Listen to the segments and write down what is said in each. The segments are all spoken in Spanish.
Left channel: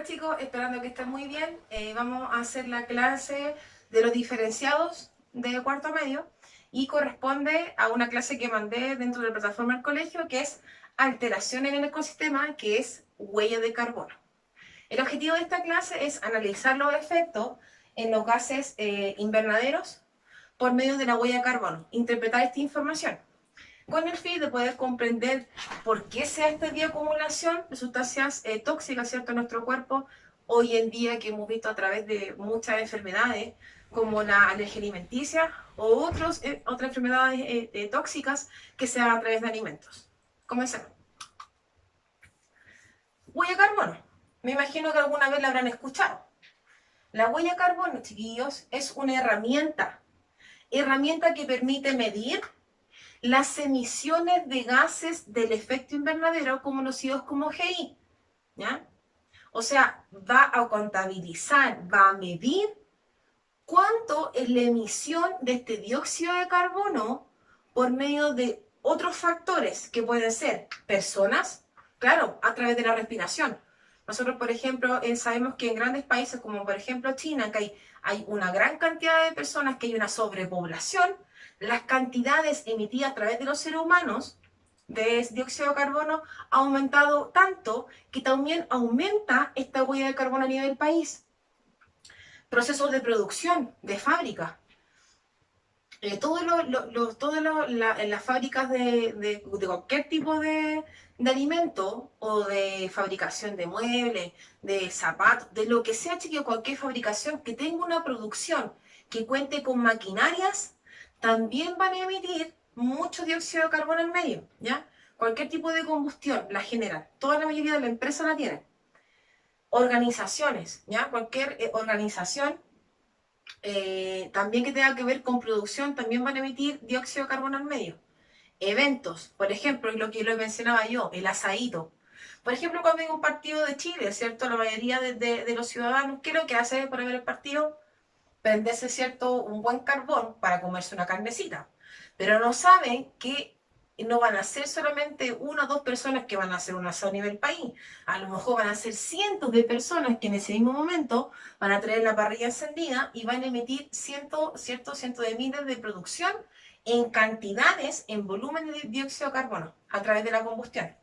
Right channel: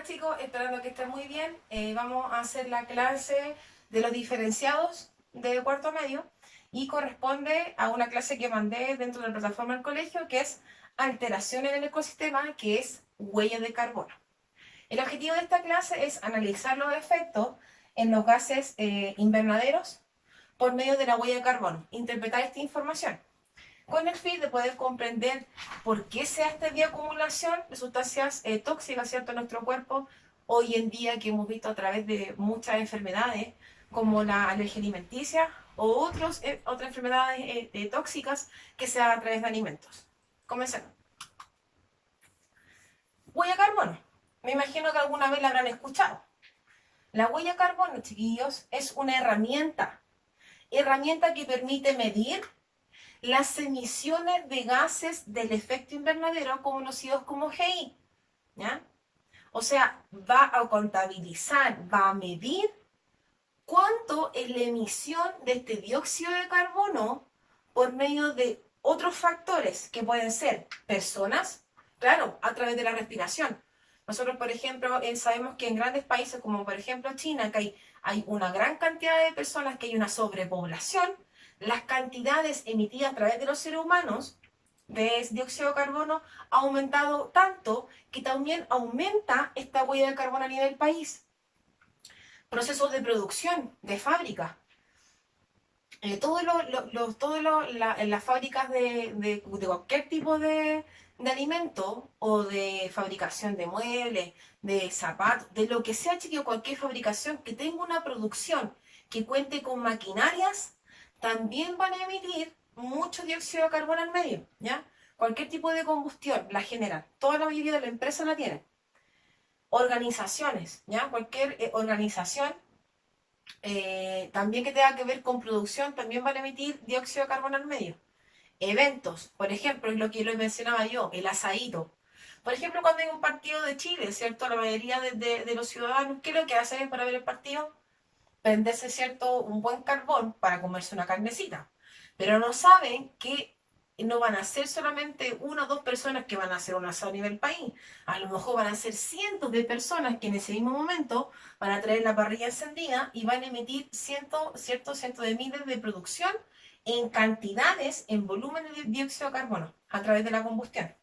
Hola chicos, esperando que estén muy bien. Vamos a hacer la clase de los diferenciados de cuarto medio y corresponde a una clase que mandé dentro de la plataforma del colegio que es alteración en el ecosistema, que es huella de carbono. El objetivo de esta clase es analizar los efectos en los gases invernaderos por medio de la huella de carbono, interpretar esta información con el fin de poder comprender por qué se da esta bioacumulación de sustancias tóxicas, ¿cierto?, en nuestro cuerpo, hoy en día que hemos visto a través de muchas enfermedades, como la alergia alimenticia o otras enfermedades tóxicas que se dan a través de alimentos. Comencemos. Huella de carbono. Me imagino que alguna vez la habrán escuchado. La huella de carbono, chiquillos, es una herramienta que permite medir las emisiones de gases del efecto invernadero conocidos como GI, ¿ya? O sea, va a contabilizar, va a medir cuánto es la emisión de este dióxido de carbono por medio de otros factores que pueden ser personas, claro, a través de la respiración. Nosotros, por ejemplo, sabemos que en grandes países como por ejemplo China, que hay una gran cantidad de personas, que hay una sobrepoblación, las cantidades emitidas a través de los seres humanos de dióxido de carbono ha aumentado tanto que también aumenta esta huella de carbono a nivel país. Procesos de producción, de fábrica. En las fábricas de cualquier tipo de alimento o de fabricación de muebles, de zapatos, de lo que sea, chiquillo, cualquier fabricación que tenga una producción que cuente con maquinarias, también van a emitir mucho dióxido de carbono al medio, ¿ya? Cualquier tipo de combustión la generan, toda la mayoría de la empresa la tienen. Organizaciones, ¿ya? Cualquier organización también que tenga que ver con producción, también van a emitir dióxido de carbono al medio. Eventos, por ejemplo, lo que lo mencionaba yo, el asadito. Por ejemplo, cuando hay un partido de Chile, ¿cierto? La mayoría de los ciudadanos, ¿qué es lo que hacen para ver el partido? Prenderse, ¿cierto?, un buen carbón para comerse una carnecita. Pero no saben que no van a ser solamente una o dos personas que van a hacer un asado a nivel país. A lo mejor van a ser cientos de personas que en ese mismo momento van a traer la parrilla encendida y van a emitir cientos de miles de producción en cantidades, en volumen de dióxido de carbono a través de la combustión.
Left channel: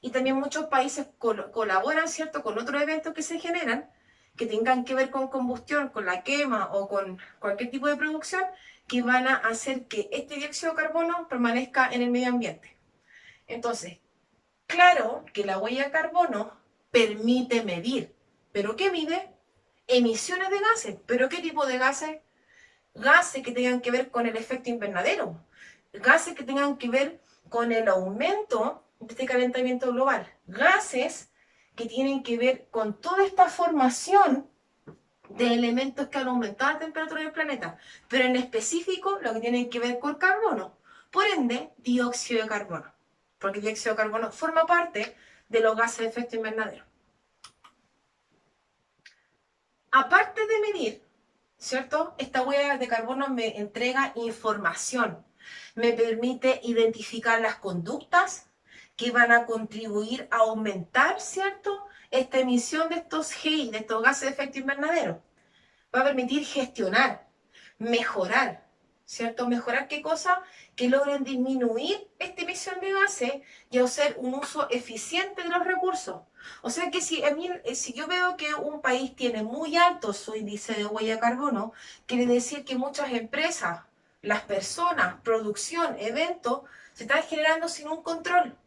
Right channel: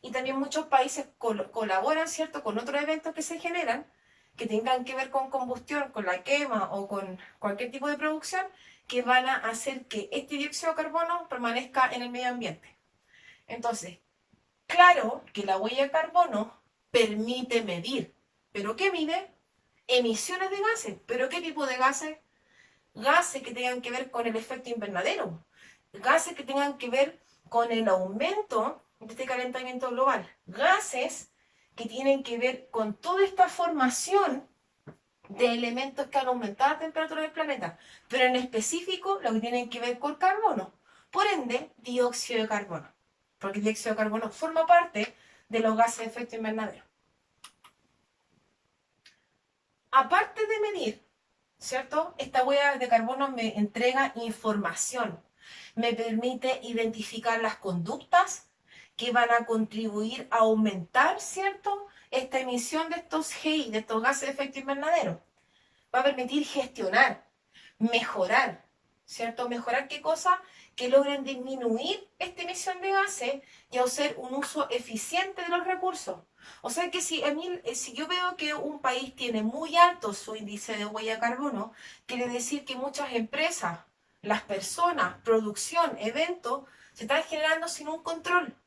Y también muchos países colaboran, ¿cierto?, con otros eventos que se generan que tengan que ver con combustión, con la quema o con cualquier tipo de producción, que van a hacer que este dióxido de carbono permanezca en el medio ambiente. Entonces, claro que la huella de carbono permite medir. ¿Pero qué mide? Emisiones de gases. ¿Pero qué tipo de gases? Gases que tengan que ver con el efecto invernadero. Gases que tengan que ver con el aumento de este calentamiento global. Gases que tienen que ver con toda esta formación de elementos que han aumentado la temperatura del planeta, pero en específico lo que tienen que ver con carbono. Por ende, dióxido de carbono, porque el dióxido de carbono forma parte de los gases de efecto invernadero. Aparte de medir, ¿cierto? Esta huella de carbono me entrega información, me permite identificar las conductas que van a contribuir a aumentar, ¿cierto?, esta emisión de estos GI, de estos gases de efecto invernadero. Va a permitir gestionar, mejorar, ¿cierto? ¿Mejorar qué cosa? Que logren disminuir esta emisión de gases y hacer un uso eficiente de los recursos. O sea que si yo veo que un país tiene muy alto su índice de huella de carbono, quiere decir que muchas empresas, las personas, producción, eventos, se están generando sin un control.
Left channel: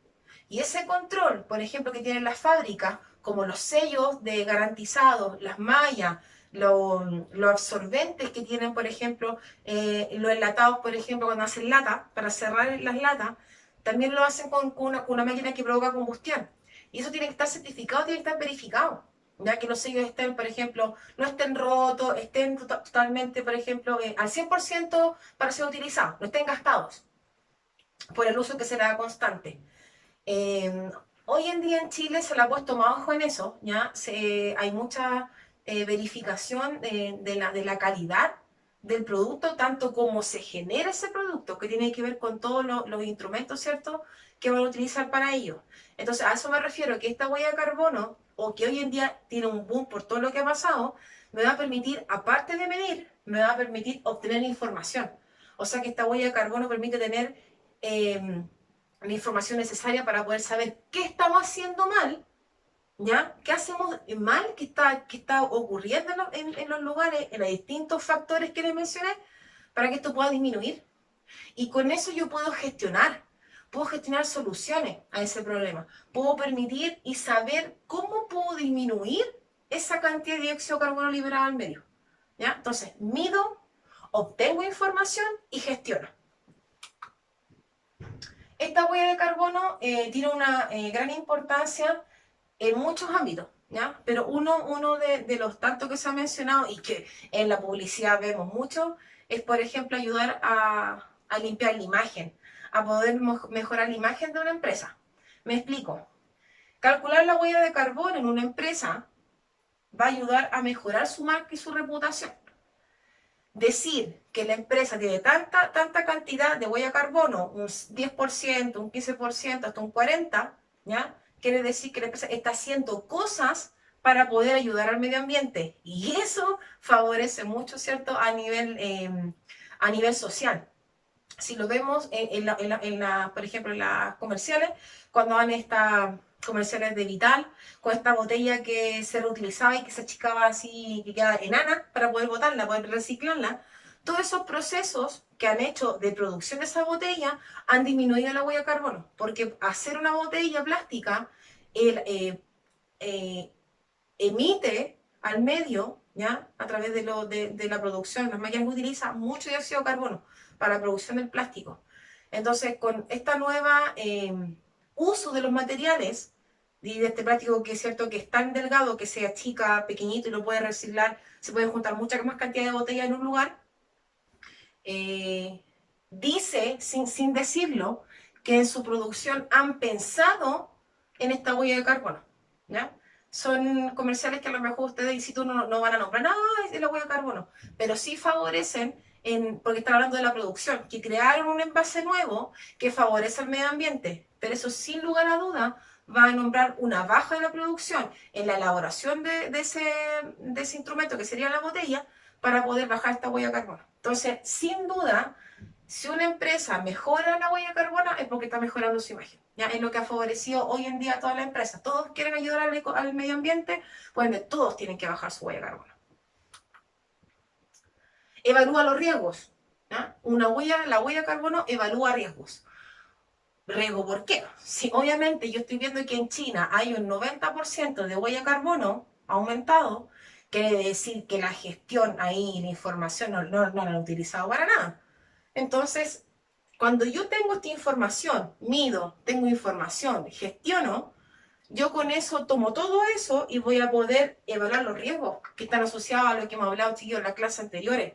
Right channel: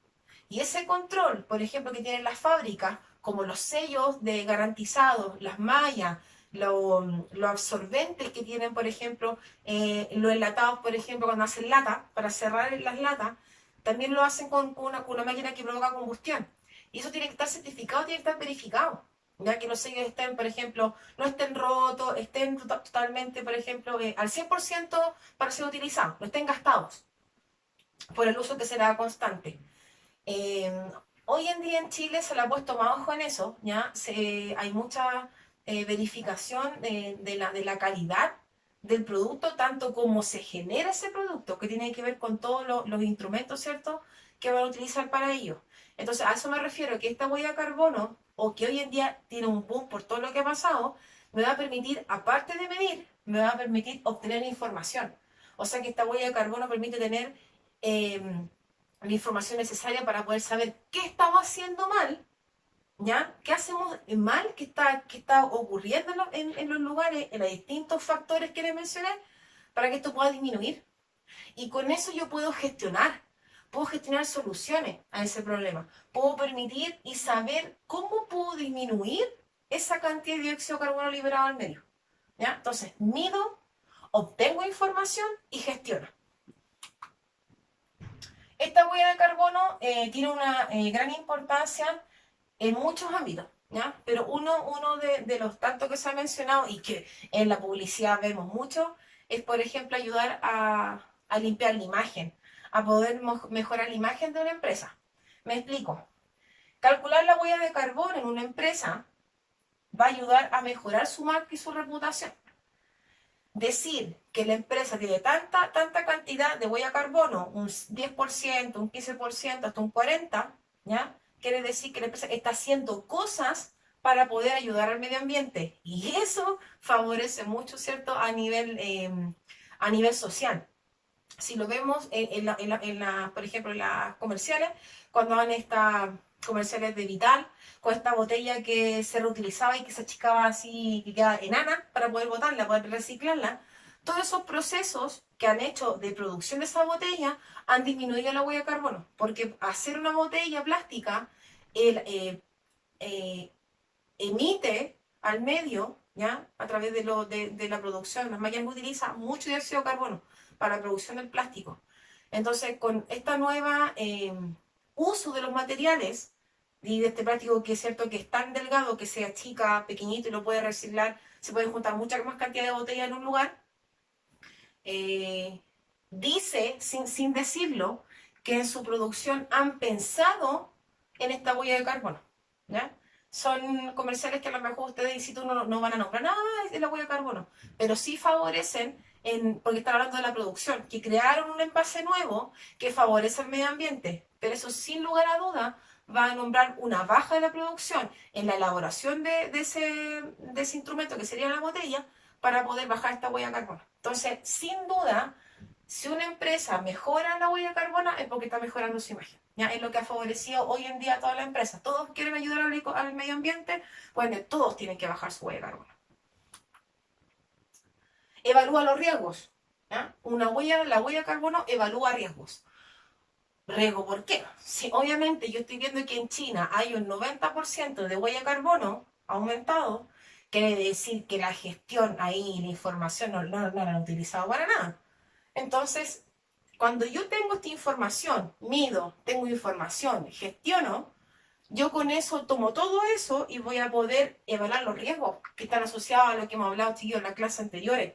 Y ese control, por ejemplo, que tienen las fábricas, como los sellos de garantizados, las mallas, los absorbentes que tienen, por ejemplo, los enlatados, por ejemplo, cuando hacen lata, para cerrar las latas, también lo hacen con una máquina que provoca combustión. Y eso tiene que estar certificado, tiene que estar verificado. Ya que los sellos estén, por ejemplo, no estén rotos, estén totalmente, por ejemplo, al 100% para ser utilizados, no estén gastados por el uso que será constante. Eh, Hoy en día en Chile se le ha puesto más ojo en eso, ¿ya? Hay mucha verificación de la calidad del producto, tanto como se genera ese producto, que tiene que ver con todos los instrumentos, ¿cierto?, que van a utilizar para ello. Entonces, a eso me refiero, que esta huella de carbono o que hoy en día tiene un boom por todo lo que ha pasado, me va a permitir, aparte de medir, me va a permitir obtener información. O sea que esta huella de carbono permite tener la información necesaria para poder saber qué estamos haciendo mal, ¿ya? ¿Qué hacemos mal? ¿Qué está ocurriendo en los lugares, en los distintos factores que les mencioné, para que esto pueda disminuir? Y con eso yo puedo gestionar soluciones a ese problema. Puedo permitir y saber cómo puedo disminuir esa cantidad de dióxido de carbono liberado al medio. ¿Ya? Entonces, mido, obtengo información y gestiono. Esta huella de carbono tiene una gran importancia en muchos ámbitos, ¿ya? Pero uno de los tantos que se ha mencionado y que en la publicidad vemos mucho es, por ejemplo, ayudar a limpiar la imagen, a poder mejorar la imagen de una empresa. Me explico. Calcular la huella de carbono en una empresa va a ayudar a mejorar su marca y su reputación. Decir que la empresa tiene tanta cantidad de huella de carbono, un 10%, un 15%, hasta un 40%, ¿ya? Quiere decir que la empresa está haciendo cosas para poder ayudar al medio ambiente. Y eso favorece mucho, ¿cierto? A nivel social. Si lo vemos por ejemplo, en las comerciales, cuando van estas comerciales de Vital, con esta botella que se reutilizaba y que se achicaba así, que queda enana para poder botarla, poder reciclarla, todos esos procesos que han hecho de producción de esa botella han disminuido la huella de carbono, porque hacer una botella plástica eh, emite al medio, ¿ya? A través de la producción, las máquinas que utilizan mucho dióxido de carbono para la producción del plástico. Entonces, con esta nueva uso de los materiales y de este plástico que es cierto que es tan delgado que se achica pequeñito y lo puede reciclar, se pueden juntar mucha más cantidad de botellas en un lugar, dice, sin decirlo, que en su producción han pensado en esta huella de carbono, ¿ya? Son comerciales que a lo mejor ustedes, y si tú no van a nombrar, nada es la huella de carbono, pero sí favorecen, porque están hablando de la producción, que crearon un envase nuevo que favorece al medio ambiente, pero eso sin lugar a duda va a nombrar una baja de la producción en la elaboración de ese instrumento que sería la botella para poder bajar esta huella de carbono. Entonces, sin duda, si una empresa mejora la huella de carbono es porque está mejorando su imagen. ¿Ya? Es lo que ha favorecido hoy en día a todas las empresas. Todos quieren ayudar al medio ambiente, bueno, todos tienen que bajar su huella de carbono. Evalúa los riesgos. ¿Ya? La huella de carbono evalúa riesgos. ¿Riesgo por qué? Si obviamente yo estoy viendo que en China hay un 90% de huella de carbono aumentado, quiere decir que la gestión ahí, la información no la han utilizado para nada. Entonces, cuando yo tengo esta información, mido, tengo información, gestiono, yo con eso tomo todo eso y voy a poder evaluar los riesgos que están asociados a lo que hemos hablado, chicos, en las clases anteriores.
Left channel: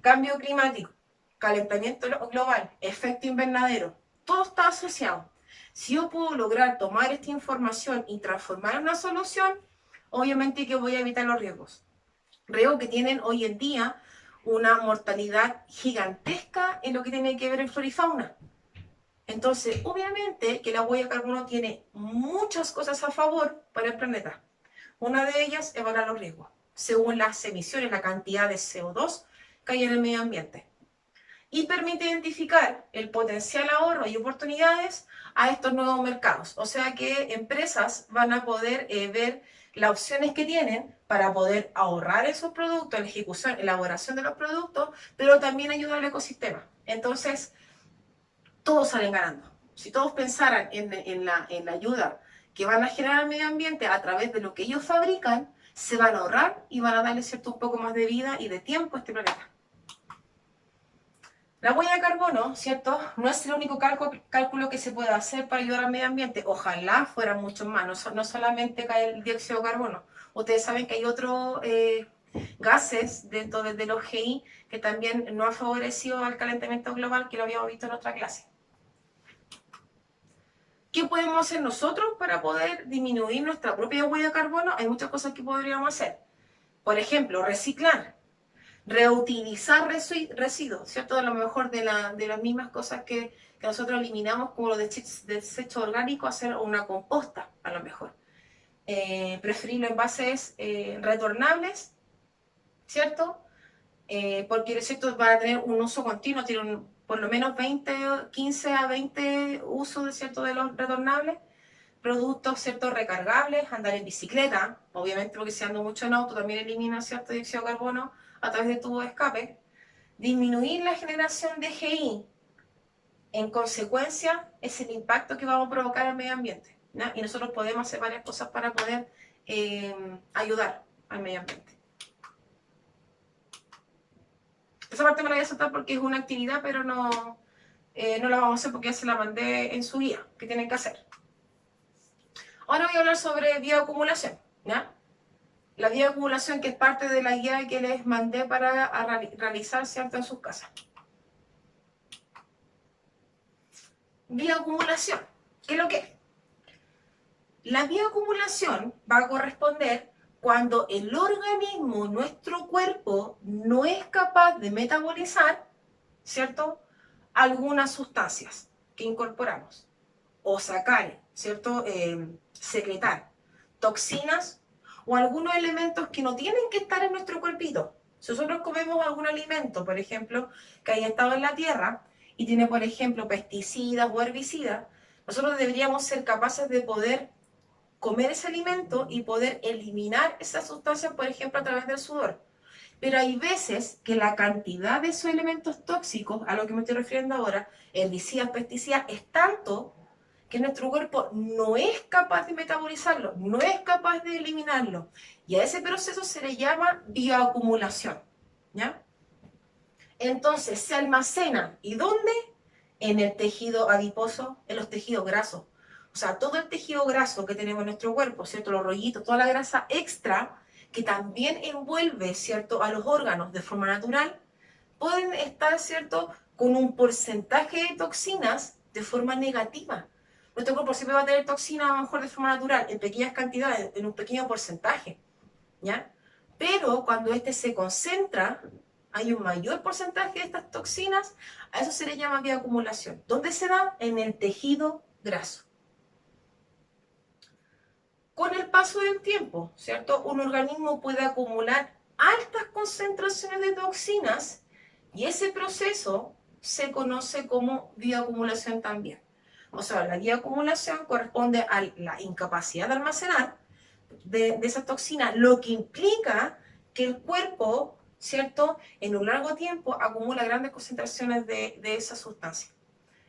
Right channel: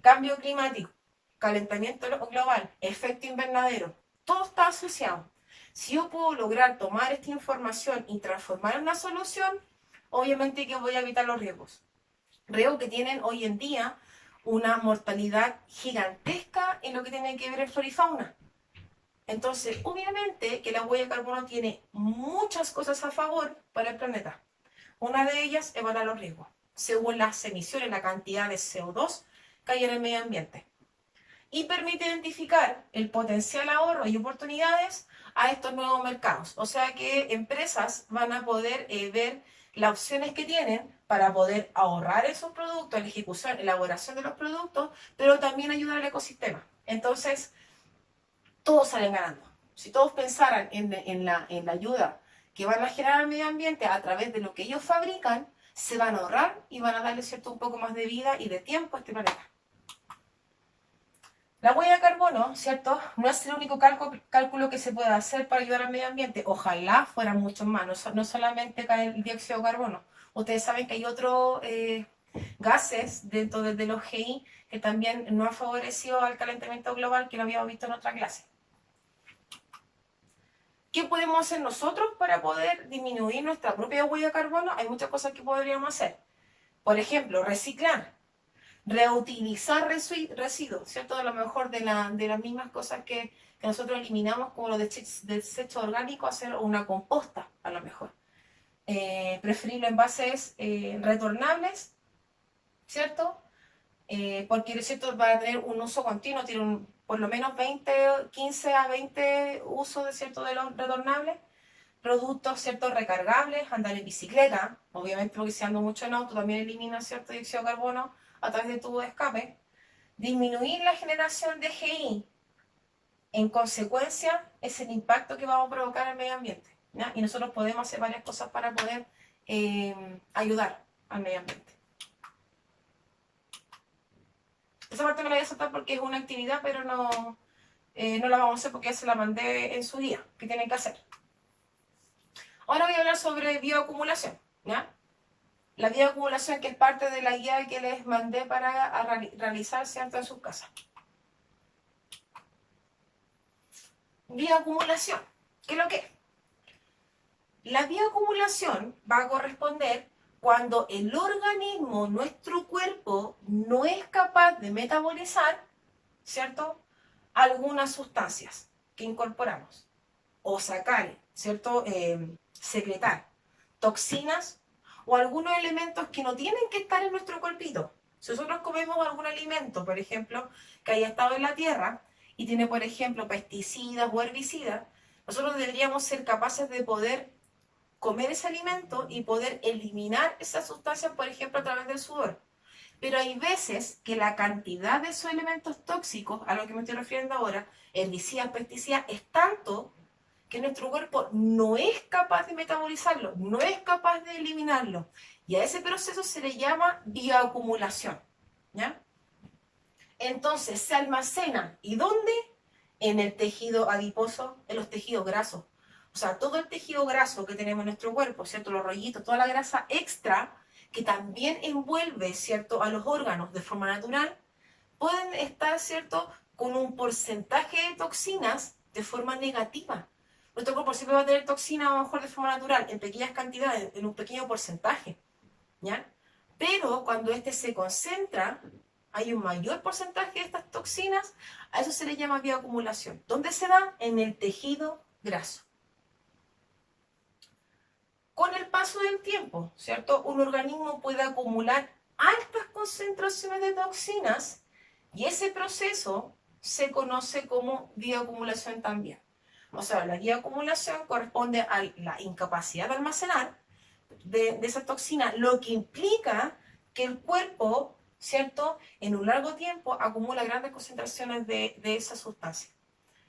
Cambio climático, calentamiento global, efecto invernadero, todo está asociado. Si yo puedo lograr tomar esta información y transformar en una solución, obviamente que voy a evitar los riesgos. Riesgos que tienen hoy en día una mortalidad gigantesca en lo que tiene que ver en flora y fauna. Entonces, obviamente que la huella de carbono tiene muchas cosas a favor para el planeta. Una de ellas es evaluar los riesgos, según las emisiones, la cantidad de CO2 que hay en el medio ambiente. Y permite identificar el potencial ahorro y oportunidades a estos nuevos mercados. O sea que empresas van a poder ver las opciones que tienen para poder ahorrar esos productos, la ejecución, elaboración de los productos, pero también ayudar al ecosistema. Entonces, todos salen ganando. Si todos pensaran en la ayuda que van a generar al medio ambiente a través de lo que ellos fabrican, se van a ahorrar y van a darle cierto un poco más de vida y de tiempo a este planeta. La huella de carbono, ¿cierto? No es el único cálculo que se puede hacer para ayudar al medio ambiente. Ojalá fueran muchos más, no solamente cae el dióxido de carbono. Ustedes saben que hay otros gases dentro de los GI que también no han favorecido al calentamiento global, que lo habíamos visto en otra clase. ¿Qué podemos hacer nosotros para poder disminuir nuestra propia huella de carbono? Hay muchas cosas que podríamos hacer. Por ejemplo, reciclar, reutilizar residuos, ¿cierto? A lo mejor de las mismas cosas que nosotros eliminamos, como los desechos orgánicos, hacer una composta, a lo mejor. preferir los envases retornables, ¿cierto? Porque ¿cierto? Para tener un uso continuo, tiene por lo menos 15 a 20 usos ¿cierto? De los retornables. Productos ¿cierto? Recargables, andar en bicicleta, obviamente porque si ando mucho en auto también elimina cierto dióxido de carbono a través de tubo de escape. Disminuir la generación de GI, en consecuencia, es el impacto que vamos a provocar al medio ambiente, ¿no? Y nosotros podemos hacer varias cosas para poder ayudar al medio ambiente. Esa parte me la voy a saltar porque es una actividad, pero no la vamos a hacer porque ya se la mandé en su guía, que tienen que hacer. Ahora voy a hablar sobre bioacumulación, ¿ya? La bioacumulación que es parte de la guía que les mandé para realizar, ¿cierto? En sus casas. Bioacumulación, ¿qué es lo que es? La bioacumulación va a corresponder cuando el organismo, nuestro cuerpo, no es capaz de metabolizar, ¿cierto? Algunas sustancias que incorporamos o sacar, ¿cierto? Secretar toxinas o algunos elementos que no tienen que estar en nuestro cuerpito. Si nosotros comemos algún alimento, por ejemplo, que haya estado en la tierra y tiene, por ejemplo, pesticidas o herbicidas, nosotros deberíamos ser capaces de poder comer ese alimento y poder eliminar esas sustancias, por ejemplo, a través del sudor. Pero hay veces que la cantidad de esos elementos tóxicos, a lo que me estoy refiriendo ahora, herbicidas, pesticidas, es tanto que nuestro cuerpo no es capaz de metabolizarlo, no es capaz de eliminarlo. Y a ese proceso se le llama bioacumulación, ¿ya? Entonces se almacena. ¿Y dónde? En el tejido adiposo, en los tejidos grasos. O sea, todo el tejido graso que tenemos en nuestro cuerpo, ¿cierto? Los rollitos, toda la grasa extra que también envuelve, ¿cierto? A los órganos de forma natural, pueden estar, ¿cierto? Con un porcentaje de toxinas de forma negativa. Nuestro cuerpo siempre va a tener toxinas a lo mejor de forma natural, en pequeñas cantidades, en un pequeño porcentaje, ¿ya? Pero cuando este se concentra, hay un mayor porcentaje de estas toxinas, a eso se le llama bioacumulación. ¿Dónde se da? En el tejido graso. Con el paso del tiempo, ¿cierto? Un organismo puede acumular altas concentraciones de toxinas y ese proceso se conoce como bioacumulación también. O sea, la bioacumulación corresponde a la incapacidad de almacenar de esas toxinas, lo que implica que el cuerpo, ¿cierto? En un largo tiempo acumula grandes concentraciones de esa sustancia.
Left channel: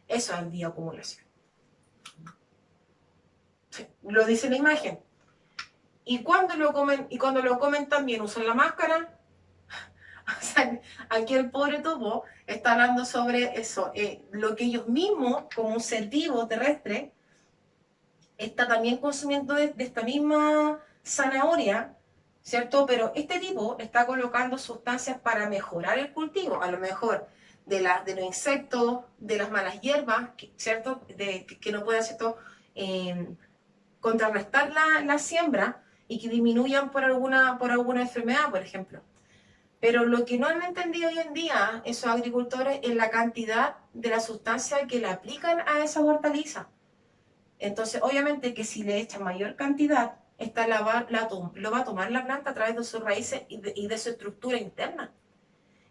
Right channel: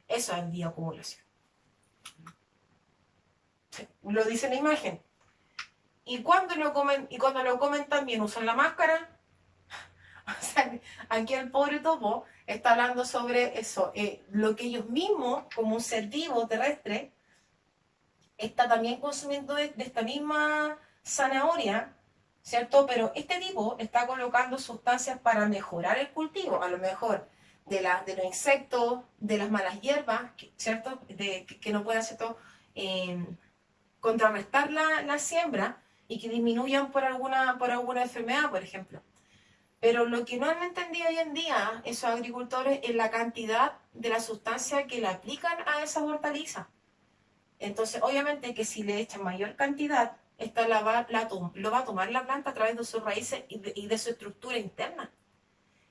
Eso es bioacumulación. Sí, lo dice la imagen. Y cuando lo comen también usan la máscara. O sea, aquí el pobre topo está hablando sobre eso, lo que ellos mismos, como un ser vivo terrestre, está también consumiendo de esta misma zanahoria, ¿cierto? Pero este tipo está colocando sustancias para mejorar el cultivo, a lo mejor de los insectos, de las malas hierbas, ¿cierto? Que no puedan, ¿cierto? Contrarrestar la siembra y que disminuyan por alguna enfermedad, por ejemplo. Pero lo que no han entendido hoy en día esos agricultores es la cantidad de la sustancia que le aplican a esas hortalizas. Entonces, obviamente que si le echan mayor cantidad, esta lo va a tomar la planta a través de sus raíces y de su estructura interna.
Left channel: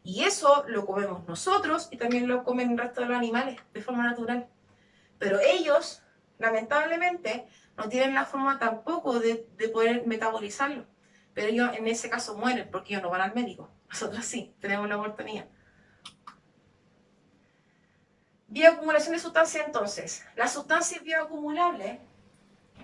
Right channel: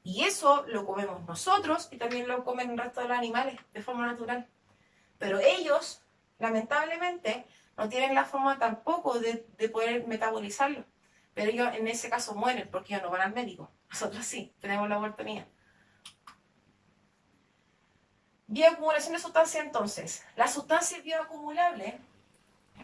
Y eso lo comemos nosotros y también lo comen el resto de los animales de forma natural. Pero ellos, lamentablemente, no tienen la forma tampoco de poder metabolizarlo. Pero ellos en ese caso mueren porque ellos no van al médico. Nosotros sí, tenemos la oportunidad. Bioacumulación de sustancias entonces. Las sustancias bioacumulables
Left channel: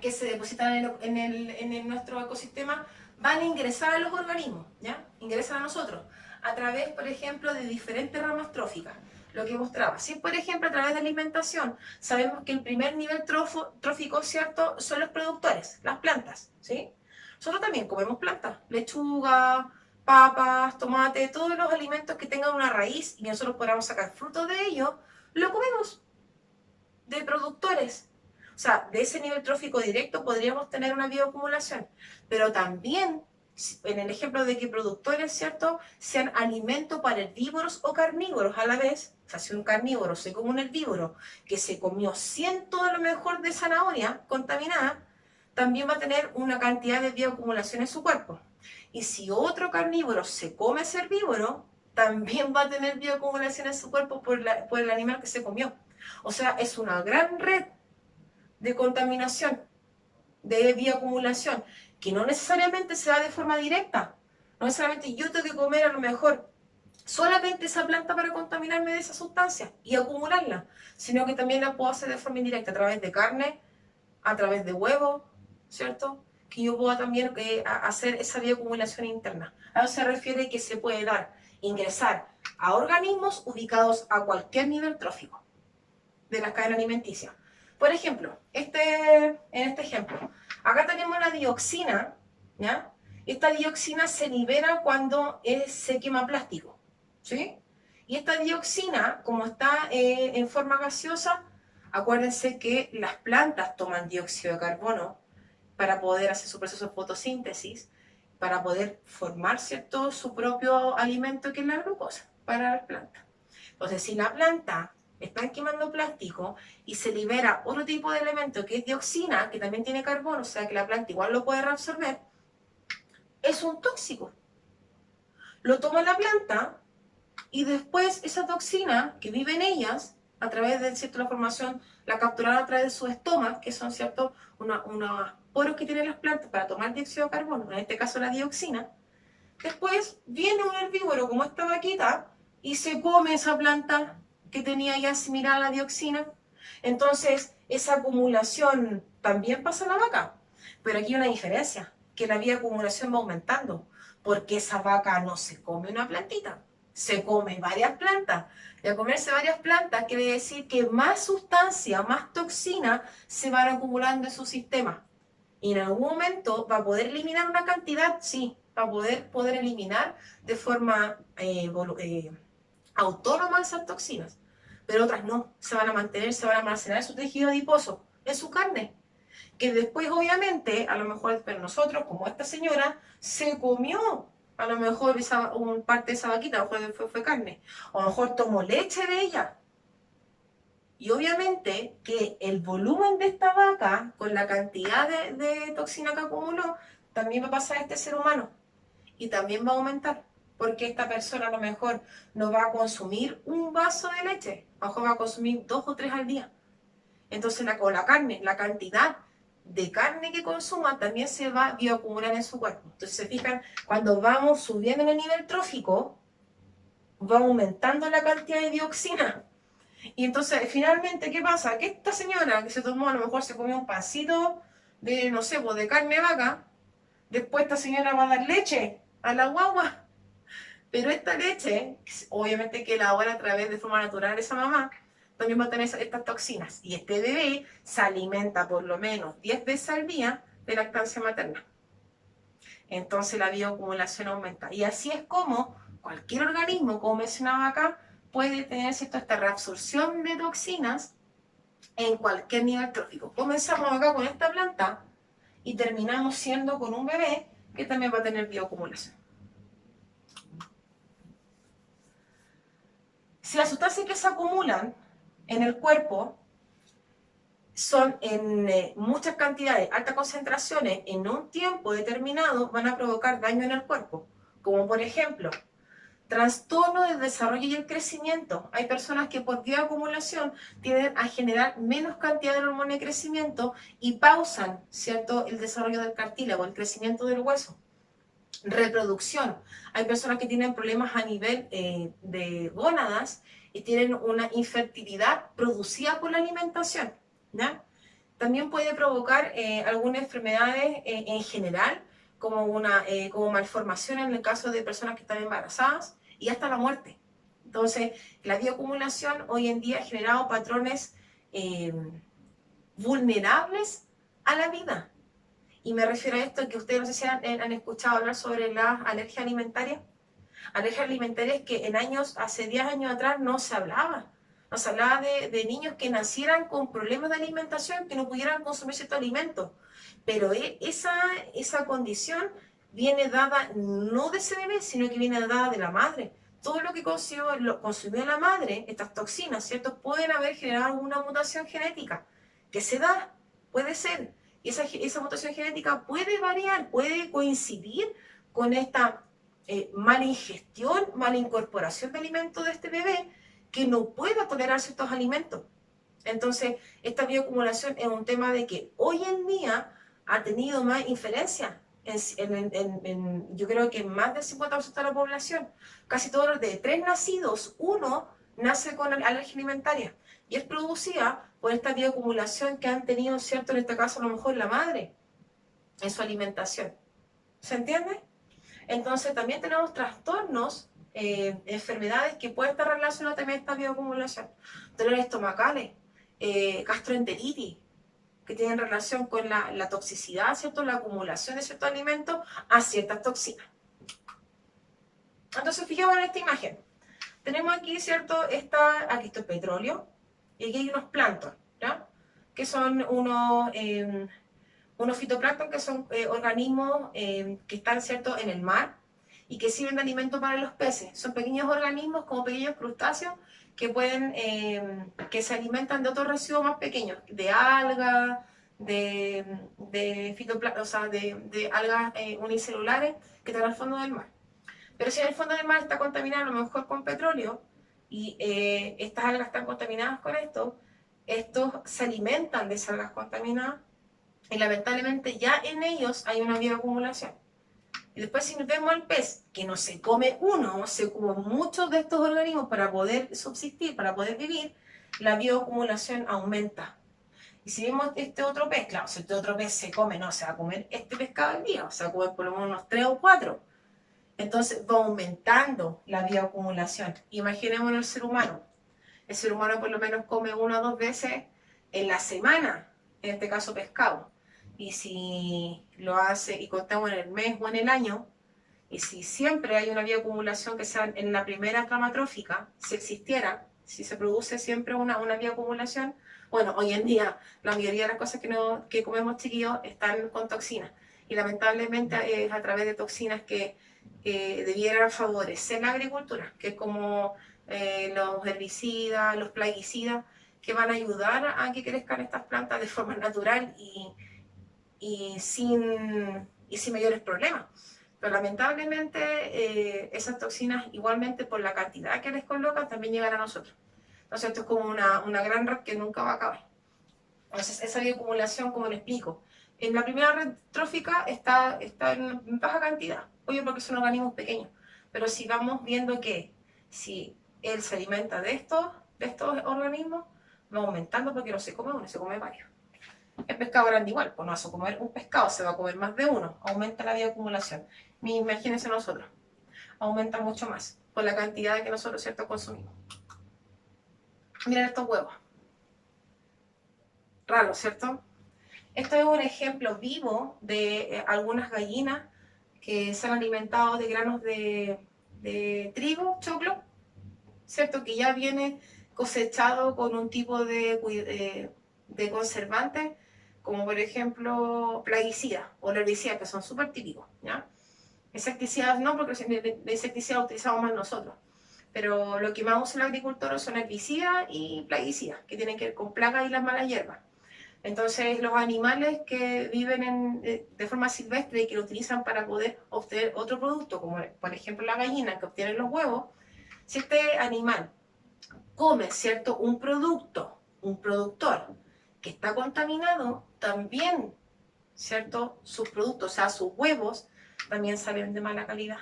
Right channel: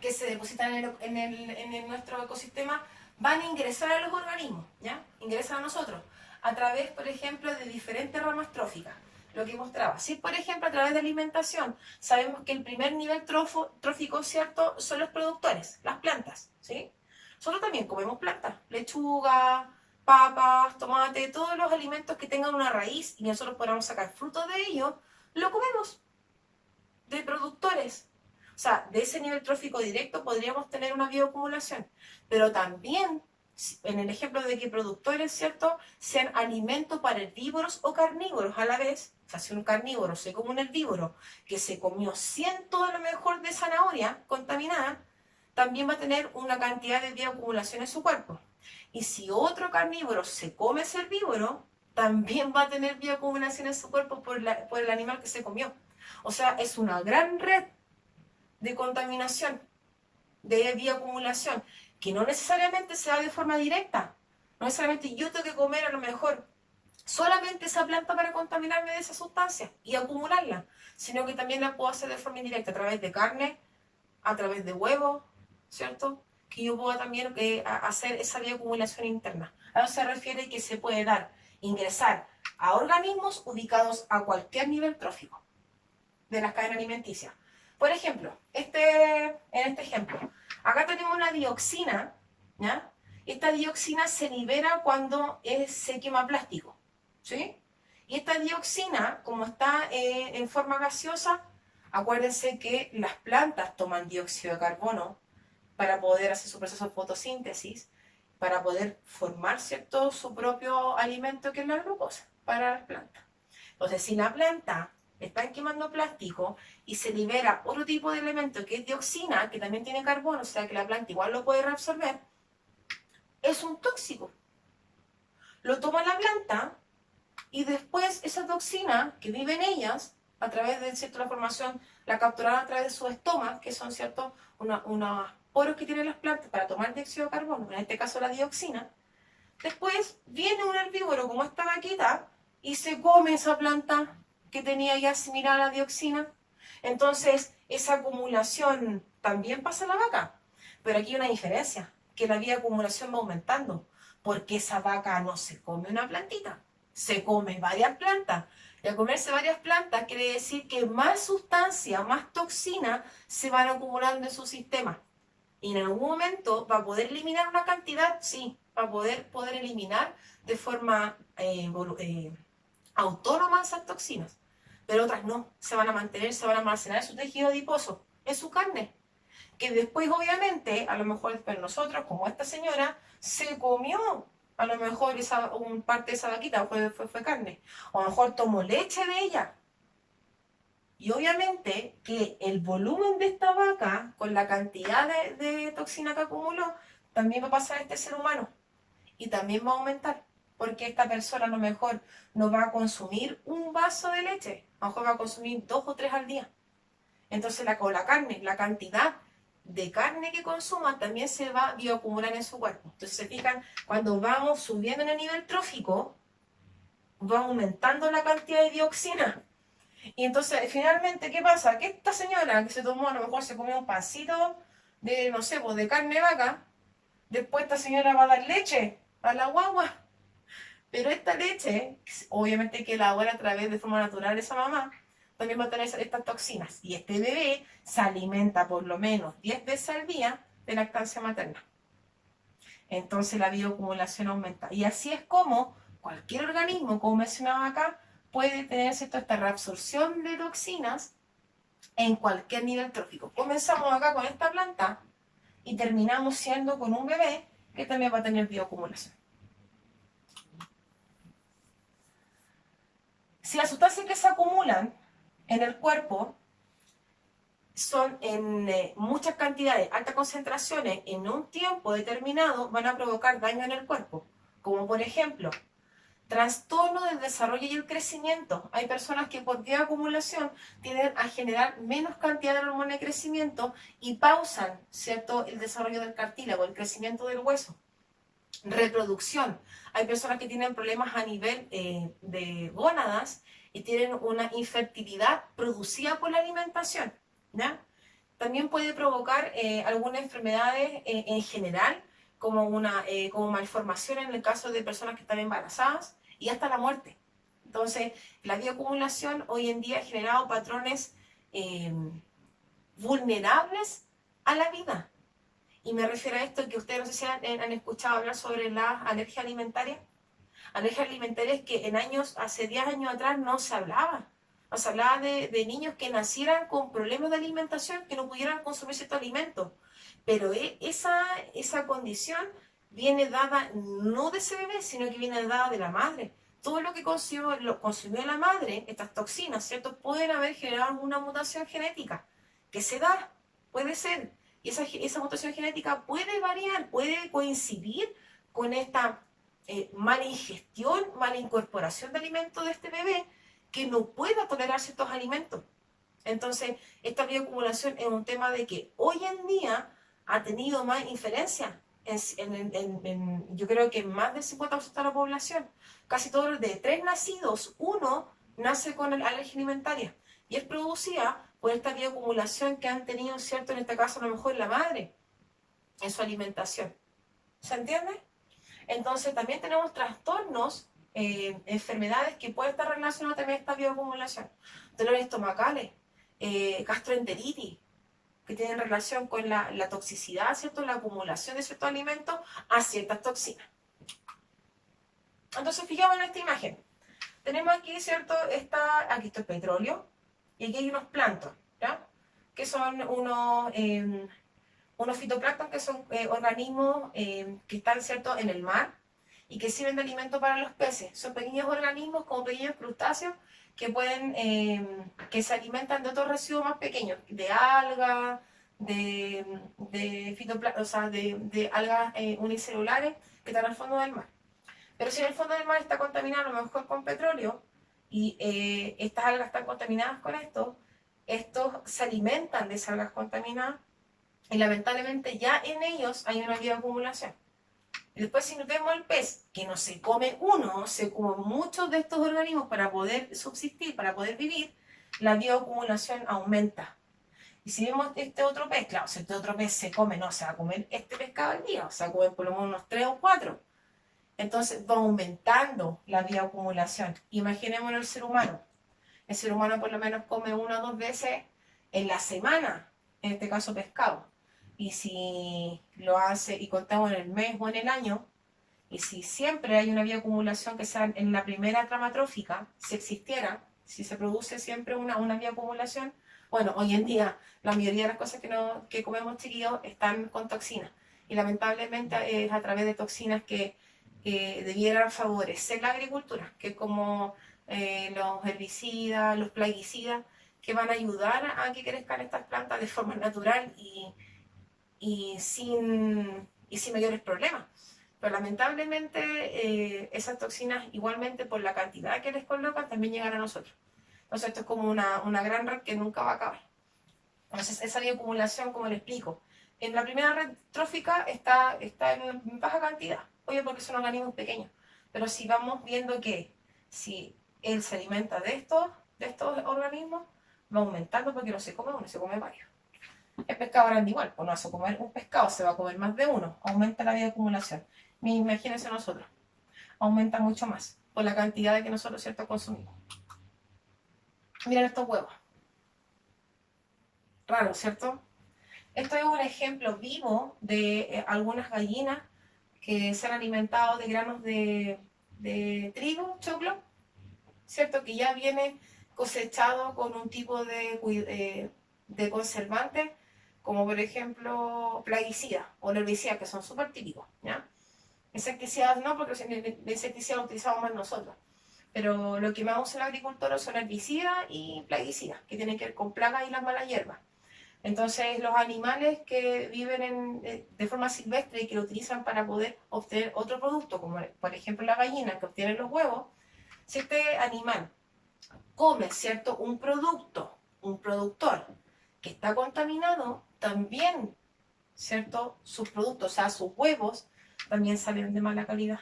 que se depositan en nuestro ecosistema van a ingresar a los organismos, ¿ya? Ingresan a nosotros a través, por ejemplo, de diferentes ramas tróficas. Lo que mostraba. Si, por ejemplo, a través de alimentación, sabemos que el primer nivel trófico, ¿cierto?, son los productores, las plantas, ¿sí? Nosotros también comemos plantas, lechuga, papas, tomate, todos los alimentos que tengan una raíz y nosotros podamos sacar frutos de ellos, lo comemos de productores. O sea, de ese nivel trófico directo podríamos tener una bioacumulación, pero también en el ejemplo de que productores, ¿cierto?, sean alimento para herbívoros o carnívoros a la vez. O sea, si un carnívoro se come un herbívoro que se comió ciento a lo mejor de zanahoria contaminada, también va a tener una cantidad de bioacumulación en su cuerpo. Y si otro carnívoro se come ese herbívoro, también va a tener bioacumulación en su cuerpo por el animal que se comió. O sea, es una gran red de contaminación, de bioacumulación, que no necesariamente se da de forma directa. No necesariamente yo tengo que comer a lo mejor solamente esa planta para contaminarme de esa sustancia y acumularla, sino que también la puedo hacer de forma indirecta, a través de carne, a través de huevos, ¿cierto? Que yo pueda también hacer esa bioacumulación interna. A eso se refiere que se puede dar, ingresar a organismos ubicados a cualquier nivel trófico de la cadena alimenticia. Por ejemplo, en este ejemplo, acá tenemos la dioxina, ¿ya? Esta dioxina se libera cuando se quema plástico, ¿sí? Y esta dioxina, como está en forma gaseosa, acuérdense que las plantas toman dióxido de carbono para poder hacer su proceso de fotosíntesis, para poder formar, ¿cierto?, su propio alimento, que es la glucosa, para las plantas. Entonces, si la planta está quemando plástico y se libera otro tipo de elemento que es dioxina, que también tiene carbono, o sea que la planta igual lo puede reabsorber, es un tóxico. Lo toma la planta y después esa toxina que vive en ellas, a través de, ¿cierto?, la formación, la capturaron a través de sus estomas, que son, ¿cierto?, unos poros que tienen las plantas para tomar dióxido de carbono, en este caso la dioxina. Después viene un herbívoro como esta vaquita y se come esa planta que tenía ya asimilada la dioxina. Entonces, esa acumulación también pasa a la vaca. Pero aquí hay una diferencia, que la bioacumulación va aumentando, porque esa vaca no se come una plantita, se come varias plantas. Y al comerse varias plantas quiere decir que más sustancia, más toxina se van acumulando en su sistema. Y en algún momento va a poder eliminar una cantidad, sí, va a poder eliminar de forma autónoma esas toxinas, pero otras no, se van a mantener, se van a almacenar en su tejido adiposo, en su carne, que después obviamente, a lo mejor, pero nosotros, como esta señora, se comió a lo mejor parte de esa vaquita, fue carne, o a lo mejor tomó leche de ella. Y obviamente que el volumen de esta vaca, con la cantidad de toxina que acumuló, también va a pasar a este ser humano. Y también va a aumentar, porque esta persona a lo mejor no va a consumir un vaso de leche, a lo mejor va a consumir 2 o 3 al día. Entonces con la carne, la cantidad de carne que consuma también se va a bioacumular en su cuerpo. Entonces se fijan, cuando vamos subiendo en el nivel trófico, va aumentando la cantidad de dioxina. Y entonces, finalmente, ¿qué pasa? Que esta señora que se tomó, a lo mejor se comió un pasito de, no sé, pues de carne de vaca, después esta señora va a dar leche a la guagua. Pero esta leche, obviamente que elabora a través de forma natural esa mamá, también va a tener estas toxinas. Y este bebé se alimenta por lo menos 10 veces al día de lactancia materna. Entonces la bioacumulación aumenta. Y así es como cualquier organismo, como mencionaba acá, puede tener, ¿cierto?, esta reabsorción de toxinas en cualquier nivel trófico. Comenzamos acá con esta planta y terminamos siendo con un bebé que también va a tener bioacumulación. Si las sustancias que se acumulan en el cuerpo son en muchas cantidades, altas concentraciones, en un tiempo determinado, van a provocar daño en el cuerpo. Como por ejemplo, trastorno del desarrollo y el crecimiento. Hay personas que por bioacumulación tienden a generar menos cantidad de hormona de crecimiento y pausan, ¿cierto?, el desarrollo del cartílago, el crecimiento del hueso. Reproducción. Hay personas que tienen problemas a nivel de gónadas y tienen una infertilidad producida por la alimentación, ¿ya? También puede provocar algunas enfermedades en general, como malformación en el caso de personas que están embarazadas y hasta la muerte. Entonces, la bioacumulación hoy en día ha generado patrones vulnerables a la vida. Y me refiero a esto que ustedes no sé si han escuchado hablar sobre las alergias alimentarias. Alergias alimentarias que hace 10 años atrás no se hablaba. No se hablaba de niños que nacieran con problemas de alimentación, que no pudieran consumir ciertos alimentos. Pero esa condición viene dada no de ese bebé, sino que viene dada de la madre. Todo lo que consumió la madre, estas toxinas, ¿cierto?, pueden haber generado alguna mutación genética que se da, puede ser, Y esa mutación genética puede variar, puede coincidir con esta mala ingestión, mala incorporación de alimentos de este bebé que no pueda tolerar ciertos alimentos. Entonces, esta bioacumulación es un tema de que hoy en día ha tenido más inferencia. Yo creo que más del 50% de la población, casi todos los de 3 nacidos, uno nace con alergia alimentaria. Y es producida por esta bioacumulación que han tenido, ¿cierto? En este caso, a lo mejor la madre, en su alimentación. ¿Se entiende? Entonces, también tenemos trastornos, enfermedades que pueden estar relacionadas también a esta bioacumulación. Dolores estomacales, gastroenteritis, que tienen relación con la toxicidad, ¿cierto? La acumulación de ciertos alimentos a ciertas toxinas. Entonces, fijemos en esta imagen. Tenemos aquí, ¿cierto? Aquí está el petróleo y aquí hay unos plancton, ¿ya? Que son unos fitoplancton, que son organismos que están, ¿cierto?, en el mar y que sirven de alimento para los peces. Son pequeños organismos como pequeños crustáceos que que se alimentan de otros residuos más pequeños, de algas, o sea, de algas unicelulares que están al fondo del mar. Pero si en el fondo del mar está contaminado a lo mejor con petróleo y estas algas están contaminadas con esto, estos se alimentan de esas algas contaminadas y lamentablemente ya en ellos hay una bioacumulación. Y después si vemos al pez, que no se come uno, se come muchos de estos organismos para poder subsistir, para poder vivir, la bioacumulación aumenta. Y si vemos este otro pez, claro, si este otro pez se come, no, se va a comer este pescado al día, o sea, comer por lo menos unos 3 o 4. Entonces va aumentando la bioacumulación. Imaginémonos el ser humano. El ser humano por lo menos come 1 o 2 veces en la semana, en este caso pescado. Y si lo hace y contamos en el mes o en el año, y si siempre hay una bioacumulación que sea en la primera trama trófica, si existiera, si se produce siempre una bioacumulación, bueno, hoy en día la mayoría de las cosas que comemos, chiquillos, están con toxinas. Y lamentablemente es a través de toxinas que debieran favorecer la agricultura, que es como los herbicidas, los plaguicidas, que van a ayudar a que crezcan estas plantas de forma natural y sin mayores problemas. Pero lamentablemente esas toxinas, igualmente por la cantidad que les colocan, también llegan a nosotros. Entonces esto es como una gran red que nunca va a acabar. Entonces esa bioacumulación, como le explico, en la primera red trófica está en baja cantidad, obvio porque son organismos pequeños, pero si vamos viendo que si él se alimenta de estos organismos, va aumentando porque no se come uno, se come varios. El pescado grande igual, pues no vas a comer un pescado, se va a comer más de uno, aumenta la bioacumulación. Imagínense nosotros, aumenta mucho más por la cantidad de que nosotros, ¿cierto?, consumimos. Miren estos huevos. Raro, ¿cierto? Esto es un ejemplo vivo de algunas gallinas que se han alimentado de granos de trigo, choclo, ¿cierto? Que ya viene cosechado con un tipo de conservante, como por ejemplo plaguicidas o herbicidas, que son súper típicos, ¿ya? Insecticidas no, porque de insecticidas utilizamos más nosotros. Pero lo que más usa el agricultor son herbicidas y plaguicidas, que tienen que ver con plagas y las malas hierbas. Entonces, los animales que viven de forma silvestre y que lo utilizan para poder obtener otro producto, como por ejemplo la gallina que obtiene los huevos, si este animal come, ¿cierto?, un productor que está contaminado, también, ¿cierto?, sus productos, o sea, sus huevos, también salen de mala calidad.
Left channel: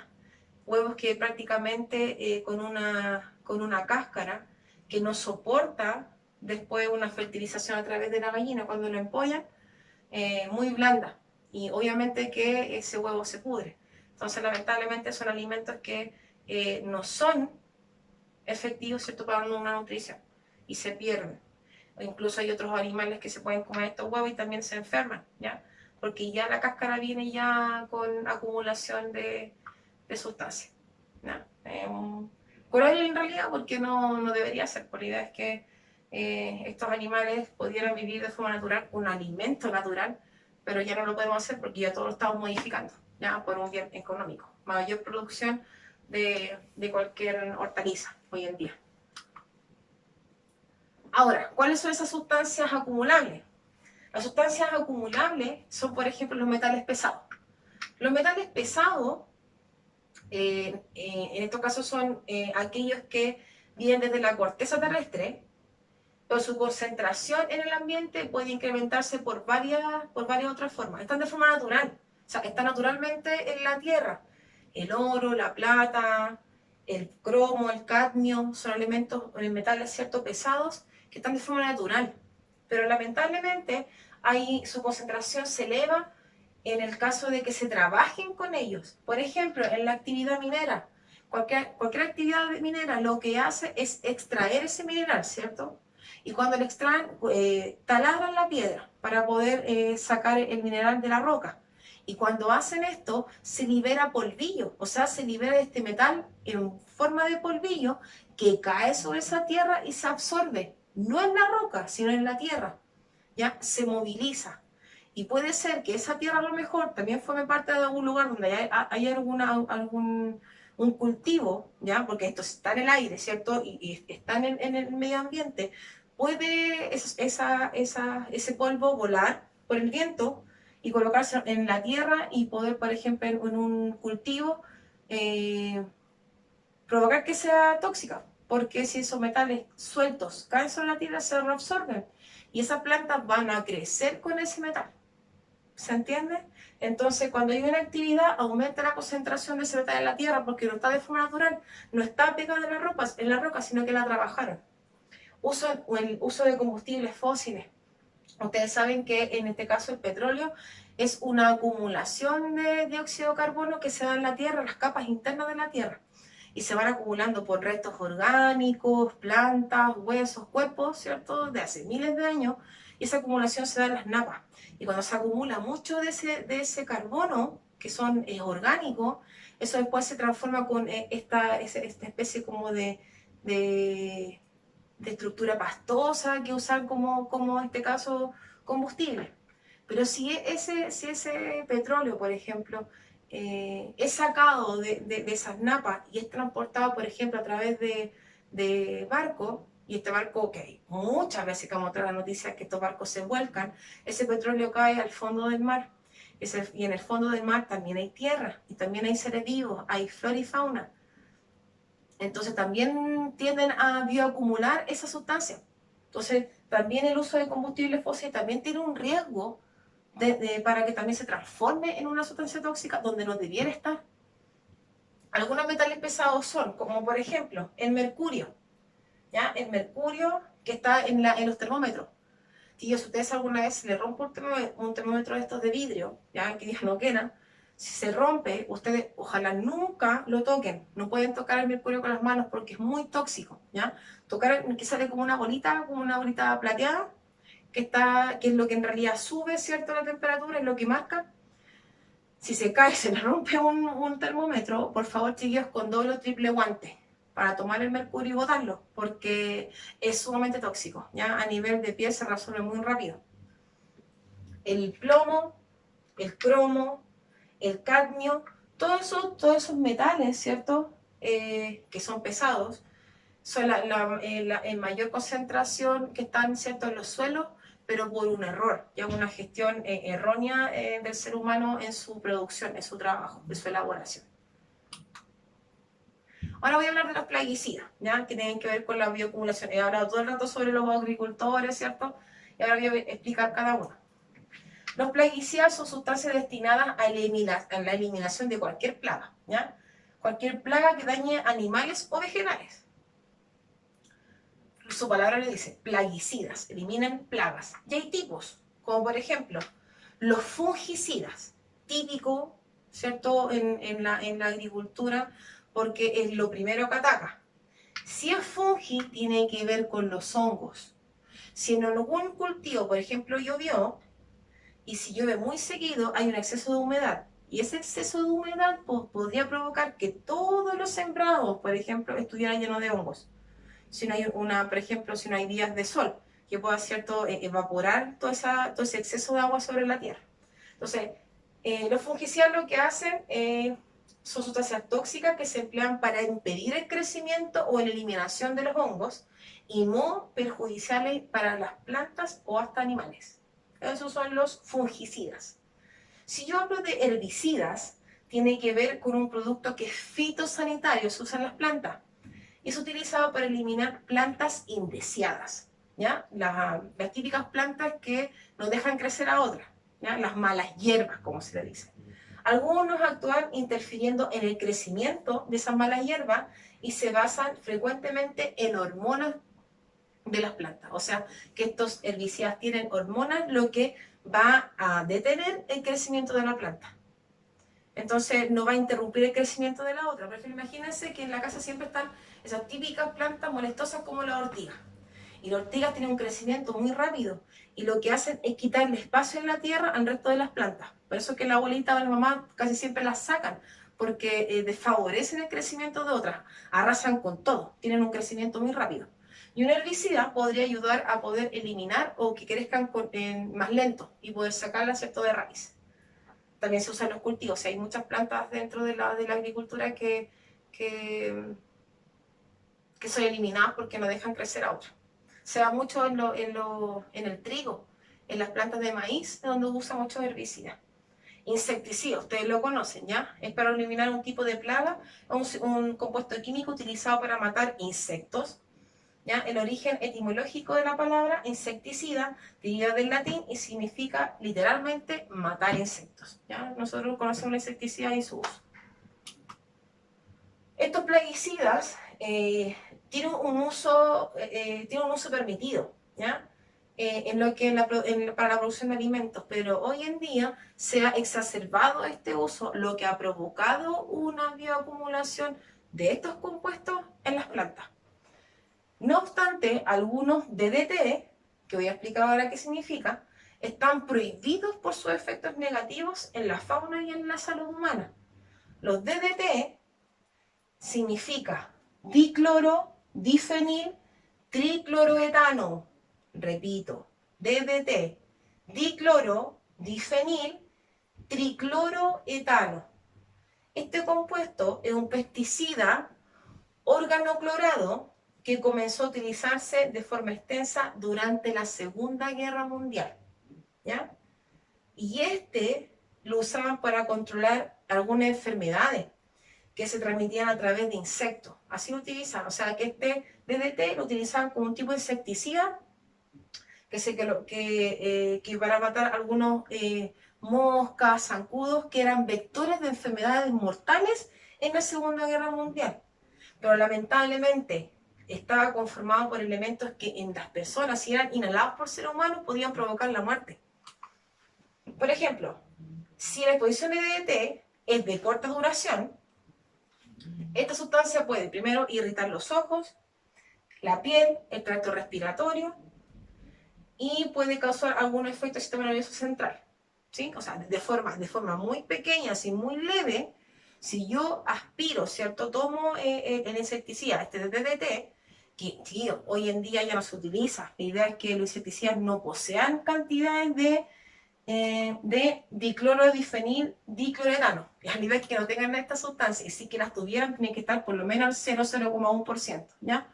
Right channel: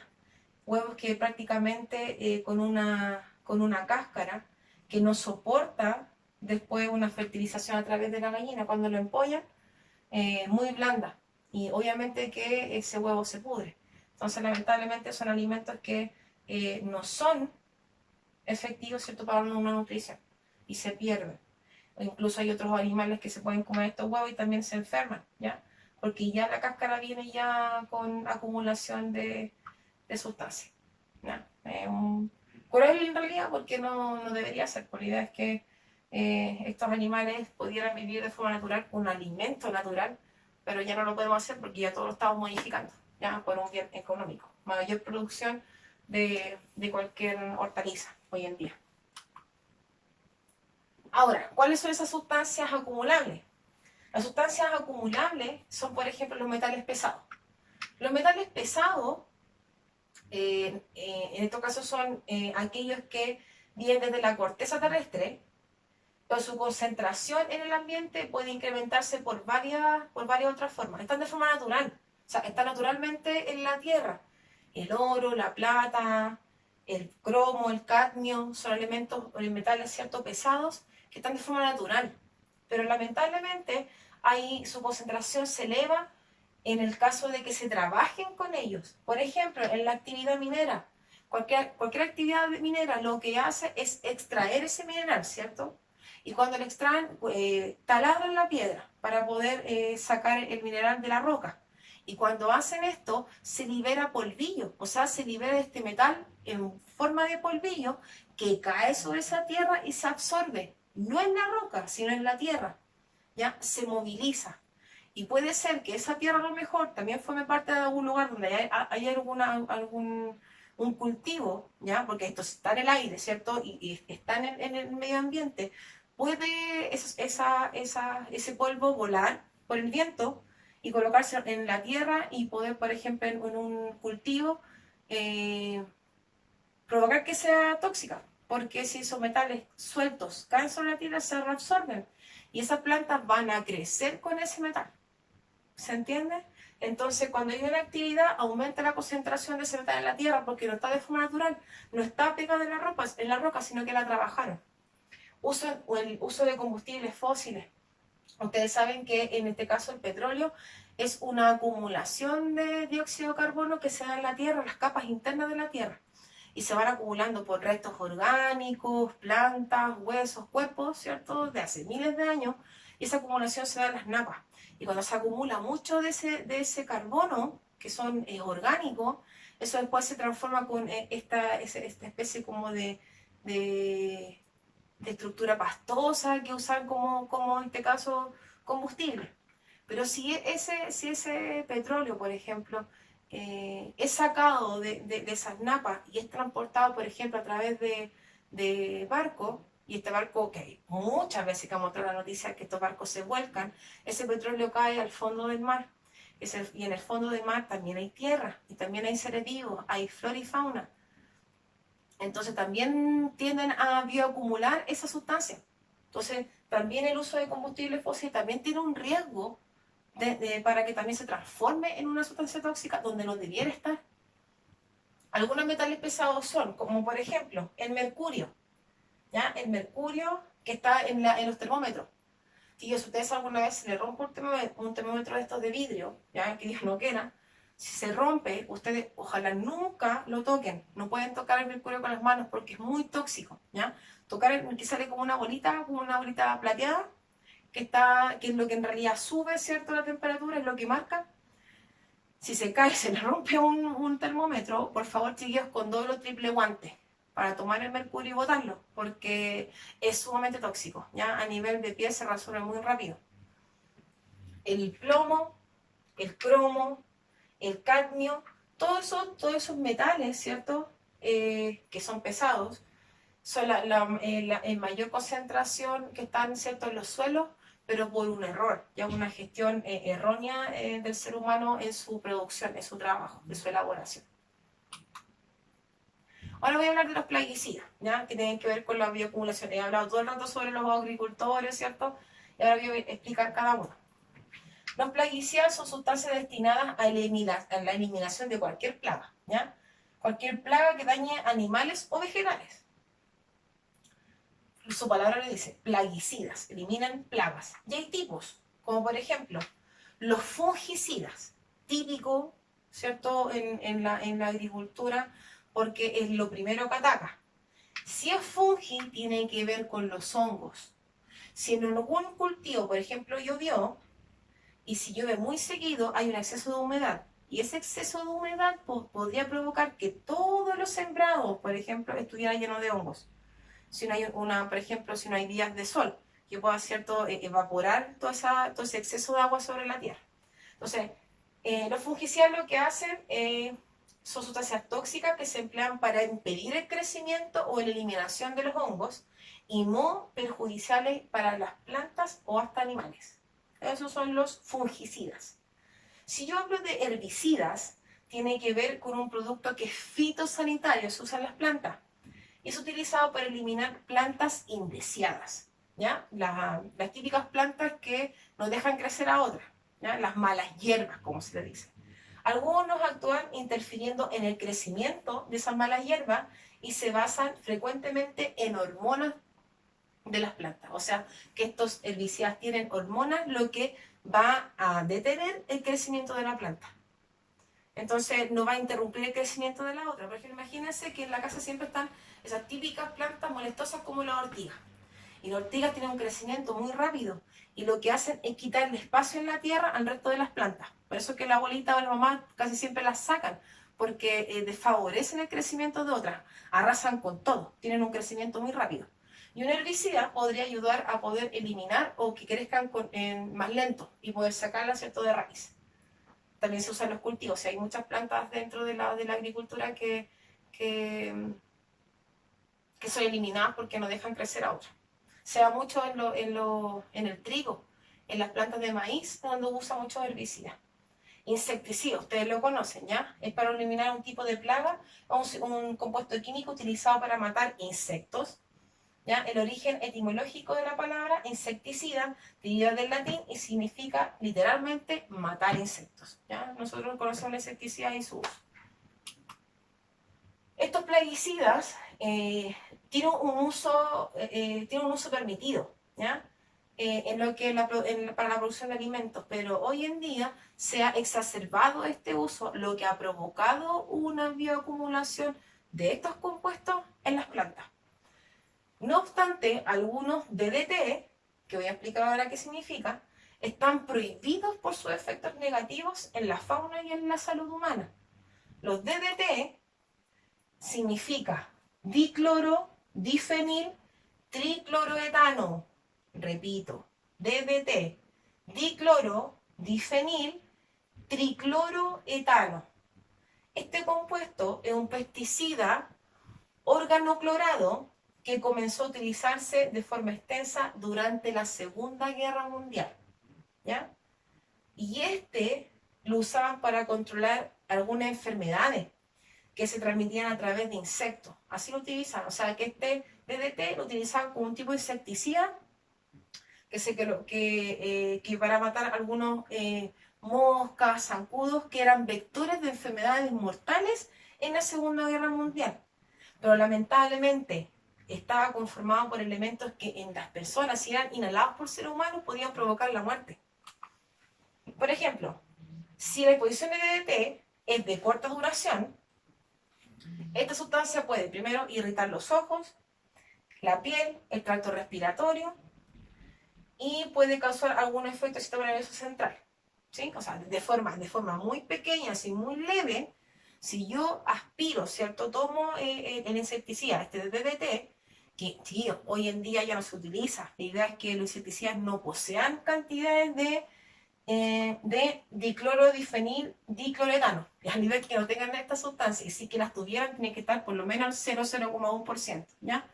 Huevos que prácticamente con una cáscara que no soporta después una fertilización a través de la gallina cuando lo empollan, muy blanda. Y obviamente que ese huevo se pudre. Entonces, lamentablemente, son alimentos que no son efectivos, ¿cierto?, para una nutrición y se pierden. O incluso hay otros animales que se pueden comer estos huevos y también se enferman, ¿ya? Porque ya la cáscara viene ya con acumulación de sustancias. ¿No? Cruel en realidad porque no debería ser, por la idea es que estos animales pudieran vivir de forma natural, un alimento natural, pero ya no lo podemos hacer porque ya todo lo estamos modificando, ya por un bien económico, mayor producción de cualquier hortaliza hoy en día. Ahora, ¿cuáles son esas sustancias acumulables? Las sustancias acumulables son, por ejemplo, los metales pesados. Los metales pesados, en estos casos, son aquellos que vienen desde la corteza terrestre, pero su concentración en el ambiente puede incrementarse por varias otras formas. Están de forma natural, o sea, están naturalmente en la Tierra. El oro, la plata, el cromo, el cadmio, son elementos, metales, ¿cierto?, pesados, que están de forma natural. Pero lamentablemente, ahí su concentración se eleva en el caso de que se trabajen con ellos. Por ejemplo, en la actividad minera. Cualquier actividad minera lo que hace es extraer ese mineral, ¿cierto? Y cuando lo extraen, taladran la piedra para poder sacar el mineral de la roca. Y cuando hacen esto, se libera polvillo, o sea, se libera este metal en forma de polvillo que cae sobre esa tierra y se absorbe, no en la roca, sino en la tierra, ¿ya? Se moviliza. Y puede ser que esa tierra a lo mejor también forme parte de algún lugar donde hay algún un cultivo, ¿ya? Porque esto está en el aire, ¿cierto? Y está en el medio ambiente. Puede ese polvo volar por el viento y colocarse en la tierra y poder, por ejemplo, en un cultivo, eh, provocar que sea tóxica. Porque si esos metales sueltos caen sobre la tierra, se reabsorben. Y esas plantas van a crecer con ese metal. ¿Se entiende? Entonces, cuando hay una actividad, aumenta la concentración de ese metal en la tierra porque no está de forma natural, no está pegada en la roca, sino que la trabajaron. El uso de combustibles fósiles. Ustedes saben que en este caso el petróleo es una acumulación de dióxido de carbono que se da en la tierra, en las capas internas de la tierra, y se van acumulando por restos orgánicos, plantas, huesos, cuerpos, ¿cierto?, de hace miles de años, y esa acumulación se da en las napas. Y cuando se acumula mucho de ese carbono, que son orgánicos, eso después se transforma con esta especie como de, de estructura pastosa que usan como en este caso combustible. Pero si ese petróleo, por ejemplo, es sacado de esas napas y es transportado, por ejemplo, a través de barcos, y este barco, que muchas veces que vamos a traer la noticia que estos barcos se vuelcan, ese petróleo cae al fondo del mar. Y en el fondo del mar también hay tierra, y también hay seres vivos, hay flora y fauna. Entonces también tienden a bioacumular esa sustancia. Entonces también el uso de combustibles fósiles también tiene un riesgo para que también se transforme en una sustancia tóxica donde no debiera estar. Algunos metales pesados son, como por ejemplo, el mercurio, ¿ya? El mercurio que está en los termómetros. Si ustedes alguna vez se le rompe un termómetro de estos de vidrio, ¿ya? Que Dios no quiera, si se rompe, ustedes ojalá nunca lo toquen. No pueden tocar el mercurio con las manos porque es muy tóxico, ¿ya? Tocar que sale como una bolita plateada, que es lo que en realidad sube, ¿cierto?, la temperatura, es lo que marca. Si se cae, se le rompe un termómetro, por favor, chiquillos, con doble o triple guante para tomar el mercurio y botarlo, porque es sumamente tóxico, ¿ya? A nivel de piel se resuelve muy rápido. El plomo, el cromo, el cadmio, todos esos metales, ¿cierto?, que son pesados, son en mayor concentración que están, ¿cierto?, en los suelos, pero por un error, ya una gestión errónea del ser humano en su producción, en su trabajo, en su elaboración. Ahora voy a hablar de los plaguicidas, ¿ya?, que tienen que ver con la bioacumulación. He hablado todo el rato sobre los agricultores, ¿cierto?, y ahora voy a explicar cada uno. Los plaguicidas son sustancias destinadas a la eliminación de cualquier plaga, ¿ya? Cualquier plaga que dañe animales o vegetales. Su palabra le dice, plaguicidas, eliminan plagas. Y hay tipos, como por ejemplo, los fungicidas, típico, ¿cierto?, en la agricultura, porque es lo primero que ataca. Si es fungi, tiene que ver con los hongos. Si en algún cultivo, por ejemplo, llovió, y si llueve muy seguido, hay un exceso de humedad. Y ese exceso de humedad podría provocar que todos los sembrados, por ejemplo, estuvieran llenos de hongos. Si no hay por ejemplo, si no hay días de sol, que pueda, ¿cierto?, evaporar todo ese exceso de agua sobre la tierra. Entonces, los fungicidas lo que hacen son sustancias tóxicas que se emplean para impedir el crecimiento o la eliminación de los hongos y no perjudiciales para las plantas o hasta animales. Esos son los fungicidas. Si yo hablo de herbicidas, tiene que ver con un producto que es fitosanitario, se usa en las plantas. Y es utilizado para eliminar plantas indeseadas, ¿ya? Las típicas plantas que no dejan crecer a otras, ¿ya? Las malas hierbas, como se le dice. Algunos actúan interfiriendo en el crecimiento de esas malas hierbas y se basan frecuentemente en hormonas de las plantas. O sea, que estos herbicidas tienen hormonas, lo que va a detener el crecimiento de la planta. Entonces no va a interrumpir el crecimiento de la otra. Por ejemplo, imagínense que en la casa siempre están esas típicas plantas molestosas como la ortiga. Y las ortigas tienen un crecimiento muy rápido y lo que hacen es quitarle espacio en la tierra al resto de las plantas. Por eso es que la abuelita o la mamá casi siempre las sacan, porque desfavorecen el crecimiento de otras, arrasan con todo, tienen un crecimiento muy rápido. Y un herbicida podría ayudar a poder eliminar o que crezcan más lento y poder sacarla, ¿cierto?, de raíz. También se usan los cultivos, o sea, hay muchas plantas dentro de la agricultura que son eliminadas porque no dejan crecer a otras. Se da mucho en el trigo, en las plantas de maíz, donde usa muchos herbicidas. Insecticidas, ustedes lo conocen, ¿ya? Es para eliminar un tipo de plaga, un compuesto químico utilizado para matar insectos, ¿ya? El origen etimológico de la palabra insecticida deriva del latín y significa literalmente matar insectos, ¿ya? Nosotros conocemos la insecticida y su uso. Estos plaguicidas tienen un uso permitido, ¿ya? Para la producción de alimentos, pero hoy en día se ha exacerbado este uso, lo que ha provocado una bioacumulación de estos compuestos en las plantas. No obstante, algunos DDT, que voy a explicar ahora qué significa, están prohibidos por sus efectos negativos en la fauna y en la salud humana. Los DDT significa dicloro, difenil, tricloroetano. Repito, DDT, dicloro, difenil, tricloroetano. Este compuesto es un pesticida organoclorado que comenzó a utilizarse de forma extensa durante la Segunda Guerra Mundial, ¿ya? Y lo usaban para controlar algunas enfermedades que se transmitían a través de insectos. Así lo utilizan, o sea que este DDT lo utilizaban como un tipo de insecticida que para matar algunos moscas, zancudos, que eran vectores de enfermedades mortales en la Segunda Guerra Mundial. Pero lamentablemente estaba conformado por elementos que en las personas, si eran inhalados por seres humanos, podían provocar la muerte. Por ejemplo, si la exposición de DDT es de corta duración, esta sustancia puede primero irritar los ojos, la piel, el tracto respiratorio y puede causar algún efecto del sistema nervioso central, ¿sí? O sea, de forma muy pequeña, así muy leve. Si yo aspiro, ¿cierto? Tomo el insecticida, este DDT, que tío, hoy en día ya no se utiliza. La idea es que los insecticidas no posean cantidades de diclorodifenil, dicloretano, a nivel que no tengan esta sustancia, y si que las tuvieran, tienen que estar por lo menos al 0,1%, ¿ya?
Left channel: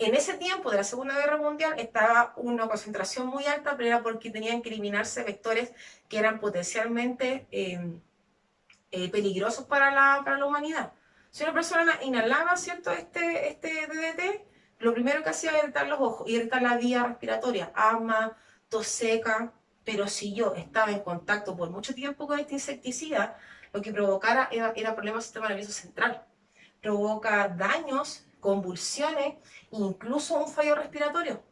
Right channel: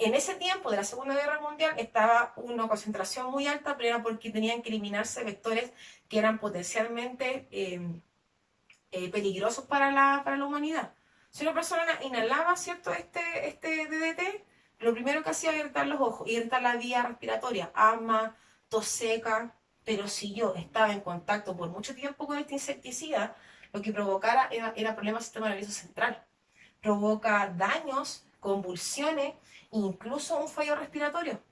En ese tiempo de la Segunda Guerra Mundial estaba una concentración muy alta, pero era porque tenían que eliminarse vectores que eran potencialmente peligrosos para la humanidad. Si una persona inhalaba, ¿cierto?, este DDT, lo primero que hacía era irritar los ojos, irritar la vía respiratoria, asma, tos seca. Pero si yo estaba en contacto por mucho tiempo con este insecticida, lo que provocara era problemas del sistema nervioso central. Provoca daños, convulsiones, incluso un fallo respiratorio.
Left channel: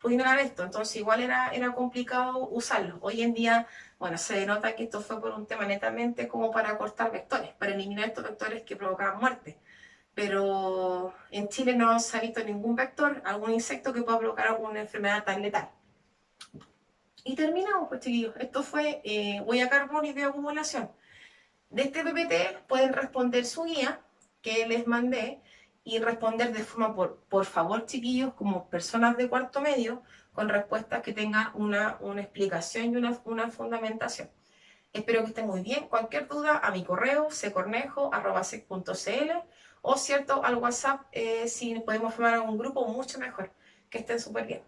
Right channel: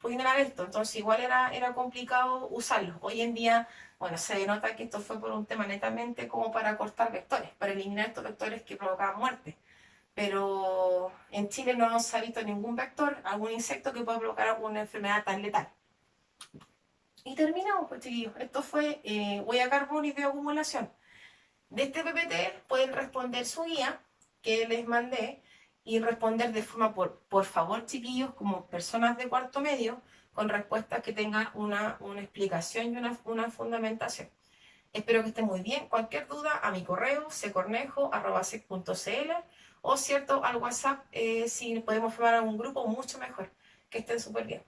Puede inhalar esto, entonces igual era complicado usarlo. Hoy en día, bueno, se denota que esto fue por un tema netamente como para cortar vectores, para eliminar estos vectores que provocaban muerte. Pero en Chile no se ha visto ningún vector, algún insecto que pueda provocar alguna enfermedad tan letal. Y terminamos, pues chiquillos. Esto fue huella de carbono y bioacumulación. De este PPT pueden responder su guía que les mandé y responder de forma, por favor, chiquillos, como personas de cuarto medio, con respuestas que tengan una explicación y una fundamentación. Espero que estén muy bien. Cualquier duda a mi correo, ccornejo@sec.cl o cierto al WhatsApp, si podemos formar un grupo, mucho mejor. Que estén súper bien.